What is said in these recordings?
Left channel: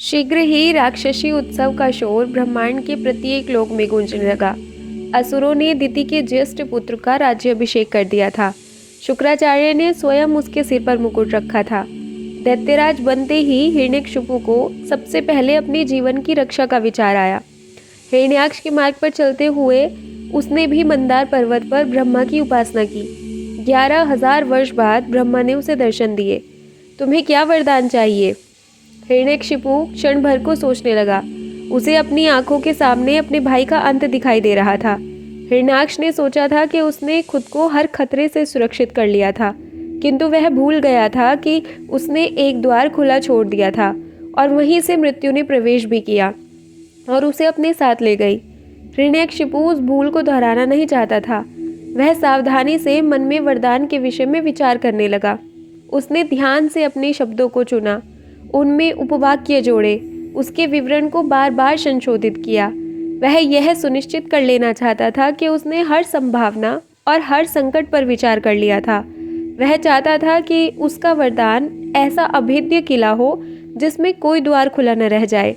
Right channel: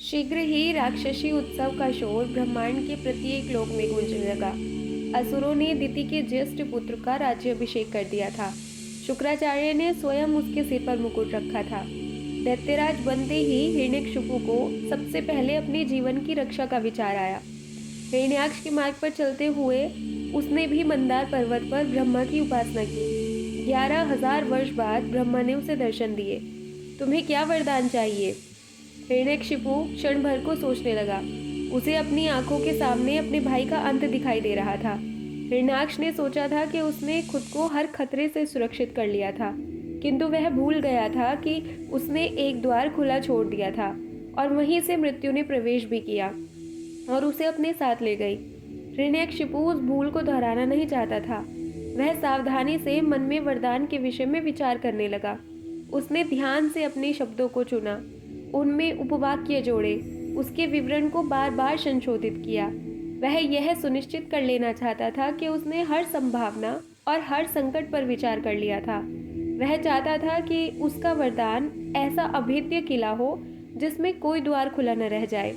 शीघ्र ही राक्षसी उत्सव का शोर ब्रह्मांड के प्रत्येक लोक में गूंजने लगा। असुरों ने दिति के ज्येष्ठ पुत्र का राज्याभिषेक कर दिया था। शुक्राचार्य ने स्वयं उसके सिर पर मुकुट रखा था। दैत्यराज बनते ही हिरण्यकशिपु को सबसे पहले अपने जीवन की रक्षा का विचार आया। हिरण्याक्ष के मार्ग पर चलते हुए उसने भी मंदार पर्वत पर ब्रह्मा की उपासना की। 11,000 वर्ष बाद ब्रह्मा ने उसे दर्शन दिए। तुम्हें क्या वरदान चाहिए? हिरण्यकशिपु क्षण भर को सोचने लगा। उसे अपनी आंखों के सामने अपने भाई का अंत दिखाई दे रहा था। हिरण्याक्ष ने सोचा था कि उसने खुद को हर खतरे से सुरक्षित कर लिया था, किंतु वह भूल गया था कि उसने एक द्वार खुला छोड़ दिया था और वहीं से मृत्यु ने प्रवेश भी किया और उसे अपने साथ ले गई। हिरण्यकशिपु उस भूल को दोहराना नहीं चाहता था। वह सावधानी से मन में वरदान के विषय में विचार करने लगा। उसने ध्यान से अपने शब्दों को चुना, उनमें उपवाक्य जोड़े, उसके विवरण को बार बार संशोधित किया। वह यह सुनिश्चित कर लेना चाहता था कि उसने हर संभावना और हर संकट पर विचार कर लिया था। वह चाहता था कि उसका वरदान ऐसा अभेद्य किला हो जिसमें कोई द्वार खुला न रह जाए।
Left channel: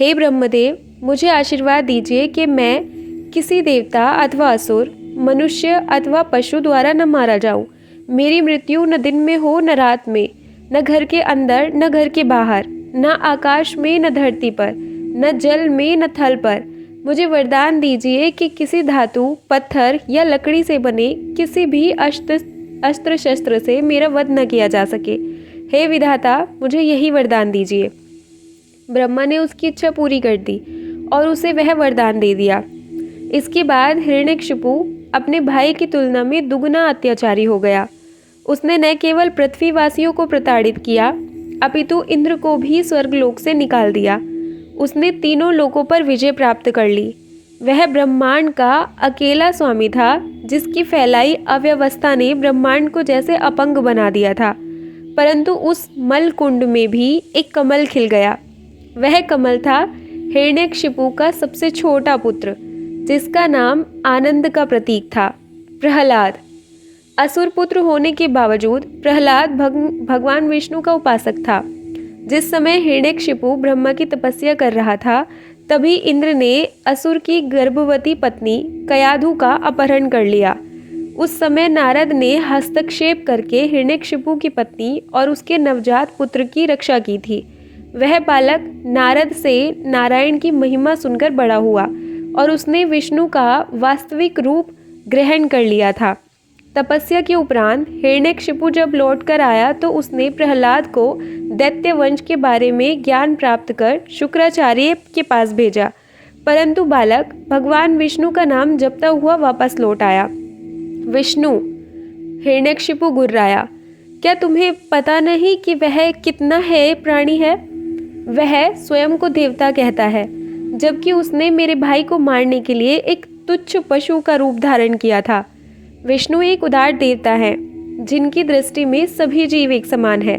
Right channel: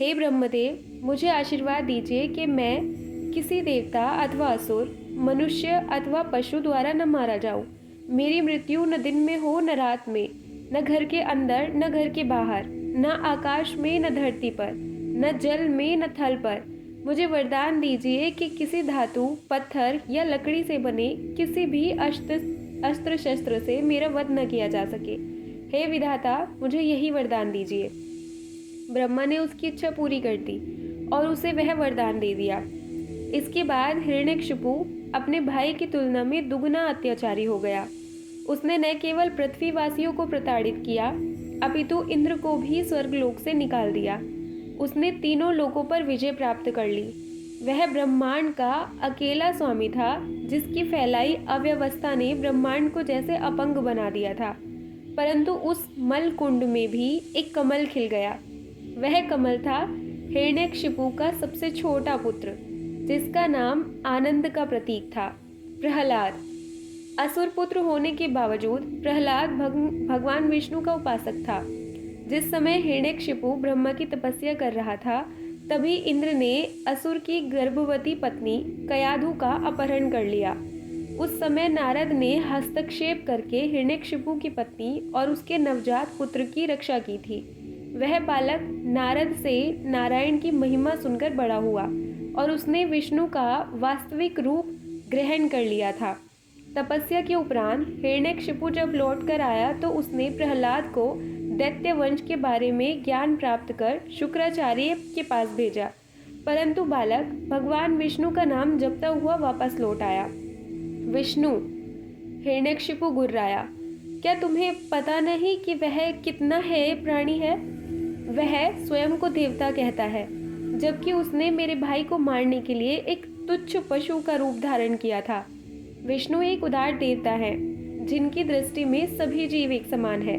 हे ब्रह्मदेव, मुझे आशीर्वाद दीजिए कि मैं किसी देवता अथवा असुर, मनुष्य अथवा पशु द्वारा न मारा जाऊं। मेरी मृत्यु न दिन में हो न रात में, न घर के अंदर न घर के बाहर, न आकाश में न धरती पर, न जल में न थल पर। मुझे वरदान दीजिए कि किसी धातु, पत्थर या लकड़ी से बने किसी भी अस्त्र शस्त्र से मेरा वध न किया जा सके। हे विधाता, मुझे यही वरदान दीजिए। ब्रह्मा ने उसकी इच्छा पूरी कर दी और उसे वह वरदान दे दिया। इसके बाद हिरण्यकशिपु अपने भाई की तुलना में दुगना अत्याचारी हो गया। उसने न केवल पृथ्वीवासियों को प्रताड़ित किया, अपितु इंद्र को भी स्वर्गलोक से निकाल दिया। उसने तीनों लोकों पर विजय प्राप्त कर ली। वह ब्रह्मांड का अकेला स्वामी था, जिसकी फैलाई अव्यवस्था ने ब्रह्मांड को जैसे अपंग बना दिया था। परंतु उस मल कुंड में भी एक कमल खिल गया। वह कमल था हिरण्यकशिपु का सबसे छोटा पुत्र, जिसका नाम आनंद का प्रतीक था, प्रहलाद। असुर पुत्र होने के बावजूद प्रहलाद भगवान विष्णु का उपासक था। जिस समय हिरण्यकशिपु ब्रह्मा की तपस्या कर रहा था, तभी इंद्र ने असुर की गर्भवती पत्नी कयाधु का अपहरण कर लिया। उस समय नारद ने हस्तक्षेप करके हिरण्यकशिपु की पत्नी और उसके नवजात पुत्र की रक्षा की थी। वह बालक नारद से नारायण की महिमा सुनकर बड़ा हुआ और उसने विष्णु का वास्तविक रूप ग्रहण कर लिया था। तपस्या के उपरांत हिरण्यकशिपु जब लौट कर आया तो उसने प्रहलाद को दैत्य वंश के बारे में ज्ञान प्राप्त कर शुक्राचार्य के पास भेजा, परंतु बालक भगवान विष्णु का नाम जपता हुआ वापस लौट आया। विष्णु! हिरण्यकशिपु गुर्राया। क्या तुम्हें पता नहीं कि वह कितना है प्राणी है? वह स्वयं को देवता कहता है, जबकि उसने मेरे भाई को मारने के लिए एक तुच्छ पशु का रूप धारण किया था। विष्णु एक उदार देवता है, जिनकी दृष्टि में सभी जीव एक समान है।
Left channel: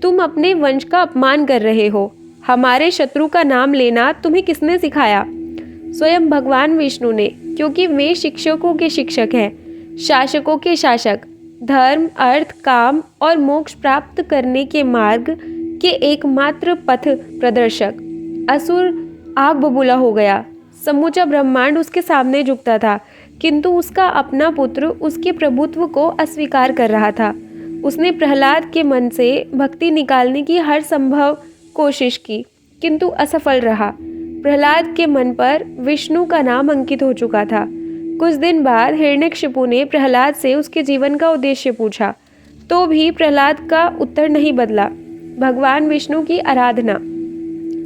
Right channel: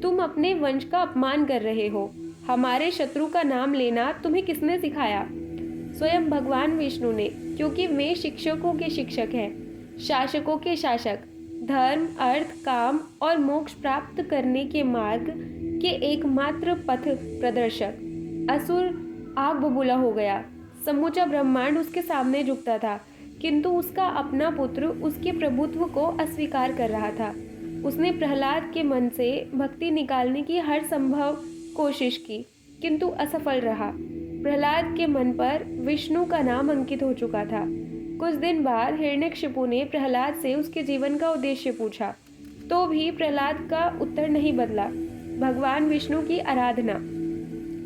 तुम अपने वंश का अपमान कर रहे हो। हमारे शत्रु का नाम लेना तुम्हें किसने सिखाया? स्वयं भगवान विष्णु ने, क्योंकि वे शिक्षकों के शिक्षक हैं, शासकों के शासक, धर्म, अर्थ, काम और मोक्ष प्राप्त करने के मार्ग के एकमात्र पथ प्रदर्शक। असुर आग बबूला हो गया। समूचा ब्रह्मांड उसके सामने झुकता था, किंतु उसका अपना पुत्र उसके प्रभुत्व को अस्वीकार कर रहा था। उसने प्रहलाद के मन से भक्ति निकालने की हर संभव कोशिश की, किंतु असफल रहा। प्रहलाद के मन पर विष्णु का नाम अंकित हो चुका था। कुछ दिन बाद हिरण्यकशिपु ने प्रहलाद से उसके जीवन का उद्देश्य पूछा, तो भी प्रहलाद का उत्तर नहीं बदला। भगवान विष्णु की आराधना।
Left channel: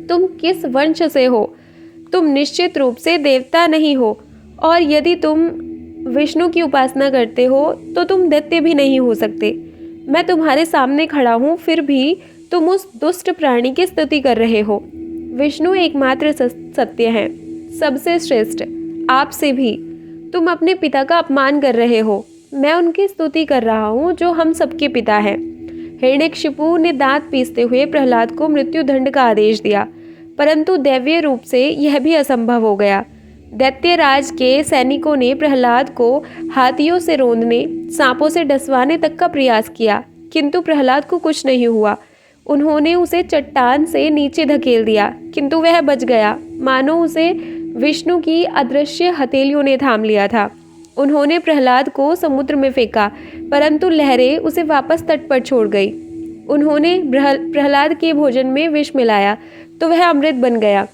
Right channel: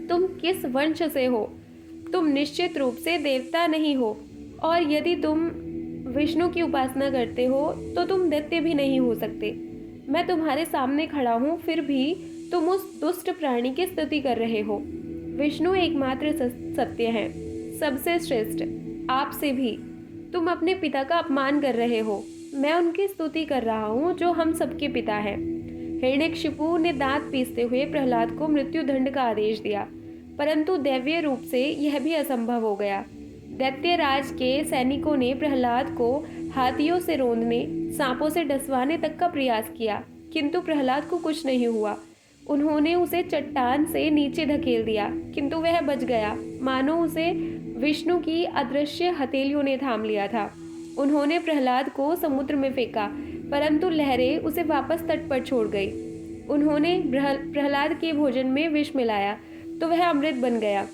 तुम किस वंश से हो? तुम निश्चित रूप से देवता नहीं हो, और यदि तुम विष्णु की उपासना करते हो तो तुम दैत्य भी नहीं हो सकते। मैं तुम्हारे सामने खड़ा हूँ, फिर भी तुम उस दुष्ट प्राणी की स्तुति कर रहे हो। विष्णु एकमात्र सत्य है, सबसे श्रेष्ठ। आपसे भी तुम अपने पिता का अपमान कर रहे हो। मैं उनकी स्तुति कर रहा हूँ जो हम सबके पिता हैं। हिरण्यकशिपु ने दांत पीसते हुए प्रहलाद को मृत्यु दंड का आदेश दिया, परंतु दैवीय रूप से यह भी असंभव हो गया। दैत्यराज के सैनिकों ने प्रहलाद को हाथियों से रौंदने, सांपों से डसवाने तक का प्रयास किया, किंतु प्रहलाद को कुछ नहीं हुआ। उन्होंने उसे चट्टान से नीचे धकेल दिया, किंतु वह बच गया, मानो उसे विष्णु की अदृश्य हथेलियों ने थाम लिया था। उन्होंने प्रहलाद को समुद्र में फेंका, परंतु लहरें उसे वापस तट पर छोड़ गई। उन्होंने प्रहलाद के भोजन में विष मिलाया, तो वह अमृत बन गया।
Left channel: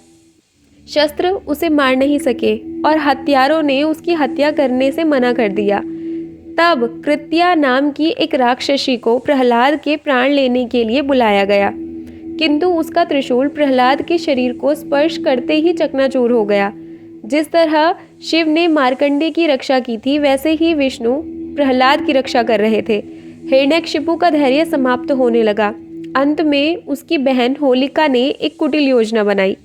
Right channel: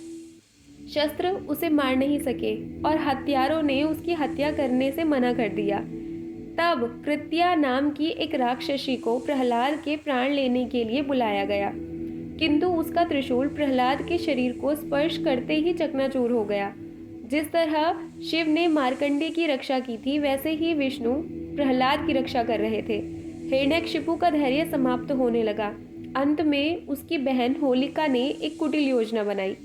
शस्त्र उसे मार नहीं सके और हत्यारों ने उसकी हत्या करने से मना कर दिया। तब कृत्या नाम की एक राक्षसी को प्रहलाद के प्राण लेने के लिए बुलाया गया, किंतु उसका त्रिशूल प्रहलाद के शरीर को स्पर्श करते ही चकनाचूर हो गया। जिस तरह शिव ने मार्कंडे की रक्षा की थी, वैसे ही विष्णु प्रहलाद की रक्षा कर रहे थे। हिरण्यकशिपु का धैर्य समाप्त होने लगा। अंत में उसकी बहन होलिका ने एक कुटिल योजना बनाई।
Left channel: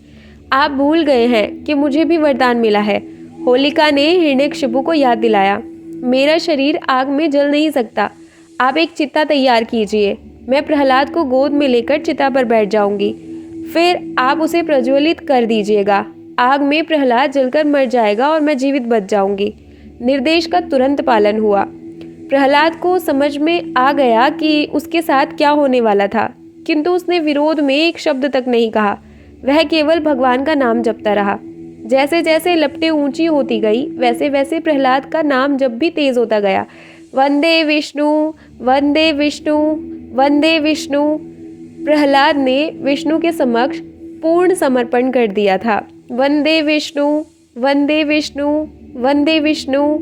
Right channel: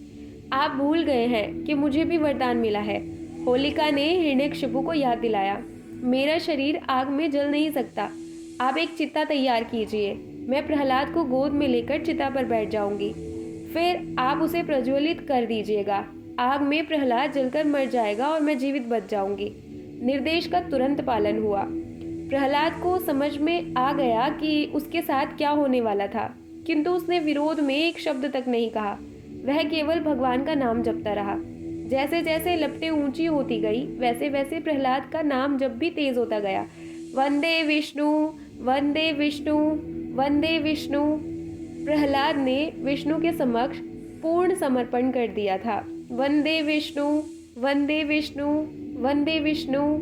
आप भूल गए हैं कि मुझे भी वरदान मिला है, होलिका ने हिरण्यकशिपु को याद दिलाया। मेरा शरीर आग में जल नहीं सकता। आप एक चिता तैयार कीजिए, मैं प्रहलाद को गोद में लेकर चिता पर बैठ जाऊंगी, फिर आप उसे प्रज्वलित कर दीजिएगा। आग में प्रहलाद जलकर मर जाएगा और मैं जीवित बच जाऊंगी। निर्देश का तुरंत पालन हुआ। प्रहलाद को समझ में आ गया कि उसके साथ क्या होने वाला था, किंतु उसने विरोध में एक शब्द तक नहीं कहा। वह केवल भगवान का नाम जपता रहा। जैसे जैसे लपटें ऊंची होती गई, वैसे वैसे प्रहलाद का नाम जब भी तेज होता गया। वंदे विष्णु, वंदे विष्णु, वंदे विष्णु। प्रहलाद ने विष्णु के समक्ष पूर्ण समर्पण कर दिया था। वंदे विष्णु, वंदे विष्णु, वंदे विष्णु।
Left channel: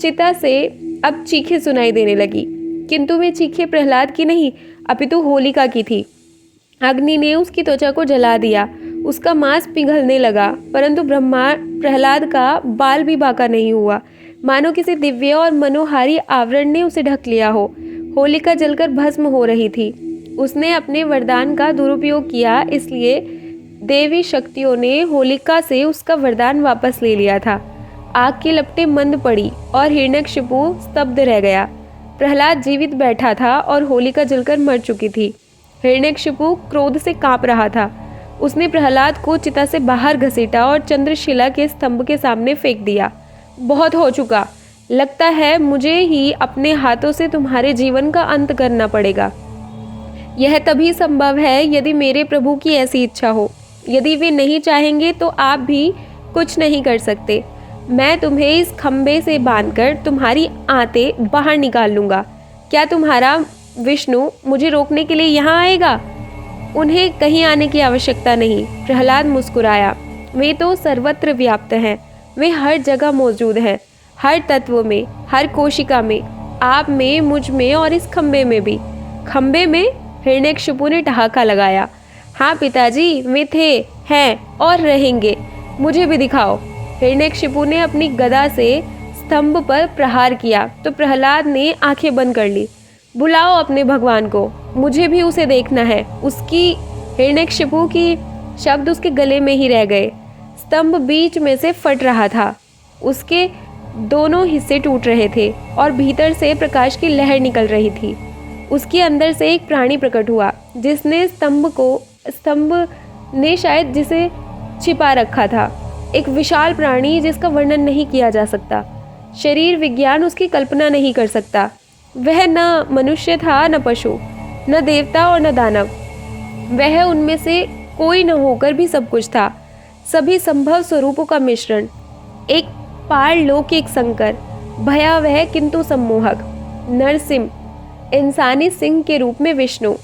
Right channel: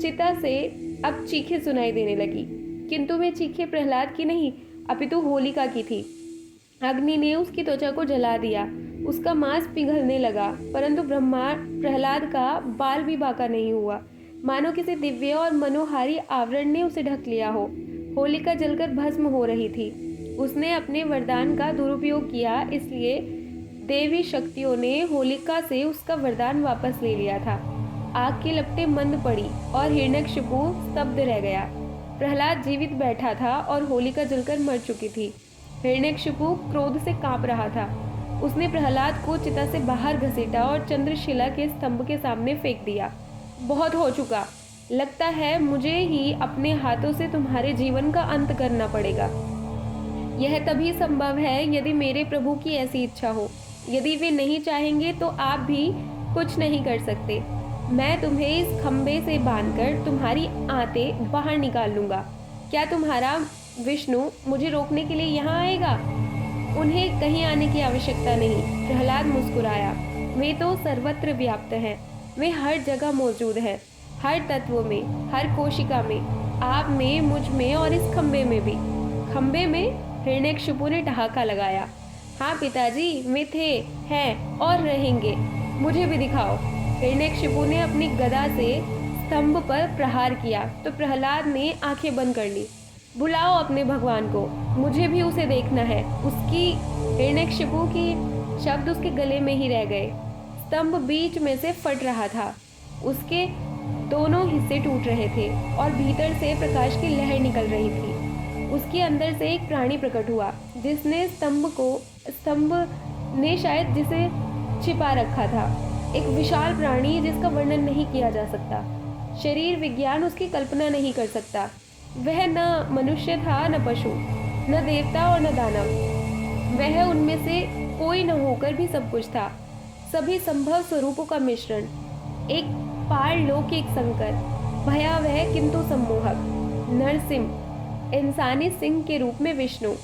चिता से अब चीखें सुनाई देने लगी, किंतु वे चीखें प्रहलाद की नहीं, अपितु होलिका की थी। अग्नि ने उसकी त्वचा को जला दिया, उसका मांस पिघलने लगा, परंतु प्रहलाद का बाल भी बाका नहीं हुआ, मानो किसी दिव्य और मनोहारी आवरण ने उसे ढक लिया हो। होलिका जलकर भस्म हो रही थी। उसने अपने वरदान का दुरुपयोग किया, इसलिए देवी शक्तियों ने होलिका से उसका वरदान वापस ले लिया था। आग की लपटें मंद पड़ी और हिरण्यकशिपु स्तब्ध रह गया। प्रहलाद जीवित बैठा था और होलिका जलकर मर चुकी थी। हिरण्यकशिपु क्रोध से कांप रहा था। उसने प्रहलाद को चिता से बाहर घसीटा और चंद्रशिला के स्तंभ के सामने फेंक दिया। बहुत हो चुका, लगता है मुझे ही अपने हाथों से तुम्हारे जीवन का अंत करना पड़ेगा। यह तभी संभव है यदि मेरे प्रभु की ऐसी इच्छा हो। यदि वे नहीं चाहेंगे तो आप भी कुछ नहीं कर सकते। मैं तुम्हें इस खंबे से बांधकर तुम्हारी आंतें बाहर निकाल लूँगा। क्या तुम्हारा विष्णु मुझे रोकने के लिए यहाँ आएगा? उन्हें कहीं आने की आवश्यकता नहीं। प्रहलाद मुस्कुराया। वे तो सर्वत्र व्याप्त हैं, वे हर जगह मौजूद हैं, हर तत्व में, हर कोशिका में, आप में, मुझ में और इस खंबे में भी। खंबे में? हिरण्यकशिपु ने ठहाका लगाया। हाँ पिताजी, वे थे, हैं और रहेंगे। मुझे भी दिखाओ। हिरण्यकशिपु ने अपनी गदा से स्तंभ पर प्रहार किया तो प्रहलाद ने आंखें बंद कर ली। बुलाओ अपने भगवान को, मुझे भी उसे देखना है। उसकी हिरण्यकशिपु की शब्द उसके गले में ही रह गए। स्तंभ बीच में से फट रहा था, उसके दोनों हिस्से टूट रहे थे और भीतर से प्रकाश की लहर निकल रही थी। उसके अंदर से एक प्राणी प्रकट हुआ, जिसने स्तंभ ने शायद जिसे छिपा रखा था। एक विशाल प्राणी जिसका वर्णन नहीं किया जा सकता। शरीर विज्ञान उसकी कल्पना नहीं कर सकता। वह न मनुष्य था, न पशु, न देवता और न दानव। वह उनमें से कोई न होकर भी सब कुछ था। सभी संभव स्वरूपों का मिश्रण, एक पारलौकिक संकर, भयावह किंतु सम्मोहक। नरसिंह, इंसानी सिंह के रूप में विष्णु,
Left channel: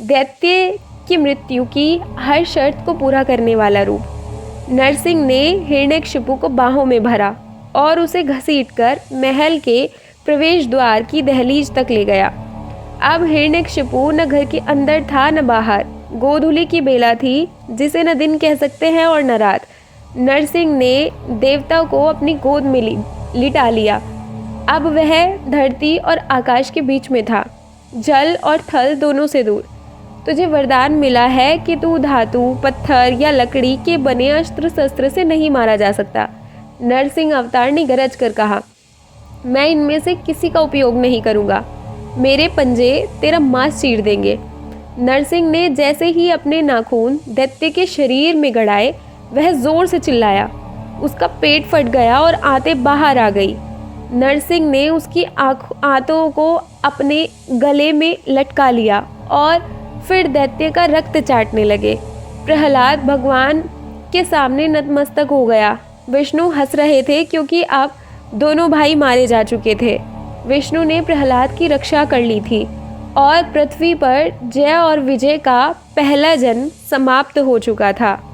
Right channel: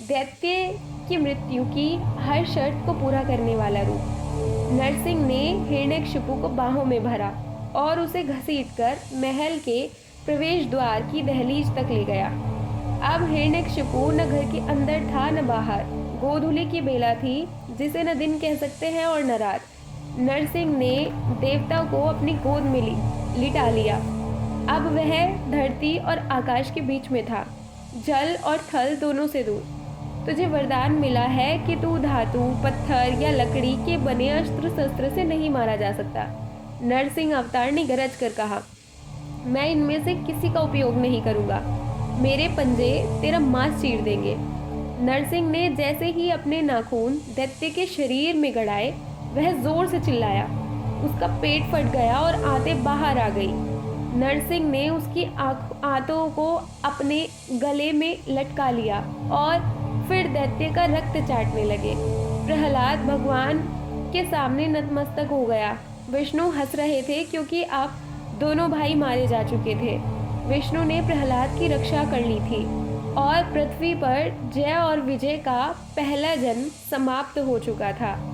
दैत्य की मृत्यु की हर शर्त को पूरा करने वाला रूप। नरसिंह ने हिरण्यकशिपु को बाहों में भरा और उसे घसीटकर महल के प्रवेश द्वार की दहलीज तक ले गया। अब हिरण्यकशिपु न घर के अंदर था न बाहर। गोधूली की बेला थी, जिसे न दिन कह सकते हैं और न रात। नरसिंह ने देवता को अपनी गोद में लिटा लिया। अब वह धरती और आकाश के बीच में था, जल और थल दोनों से दूर। तुझे वरदान मिला है कि तू धातु, पत्थर या लकड़ी के बने अस्त्र शस्त्र से नहीं मारा जा सकता। नरसिंह अवतार ने गरज कर कहा, मैं इनमें से किसी का उपयोग नहीं करूँगा। मेरे पंजे तेरा मांस चीर देंगे। नरसिंह ने जैसे ही अपने नाखून दैत्य के शरीर में गड़ाए, वह जोर से चिल्लाया। उसका पेट फट गया और आंतें बाहर आ गई। नरसिंह ने उसकी आंतों को अपने गले में लटका लिया और फिर दैत्य का रक्त चाटने लगे। प्रहलाद भगवान के सामने नतमस्तक हो गया। विष्णु हंस रहे थे क्योंकि अब दोनों भाई मारे जा चुके थे। विष्णु ने प्रहलाद की रक्षा कर ली थी और पृथ्वी पर जय और विजय का पहला जन्म समाप्त हो चुका था।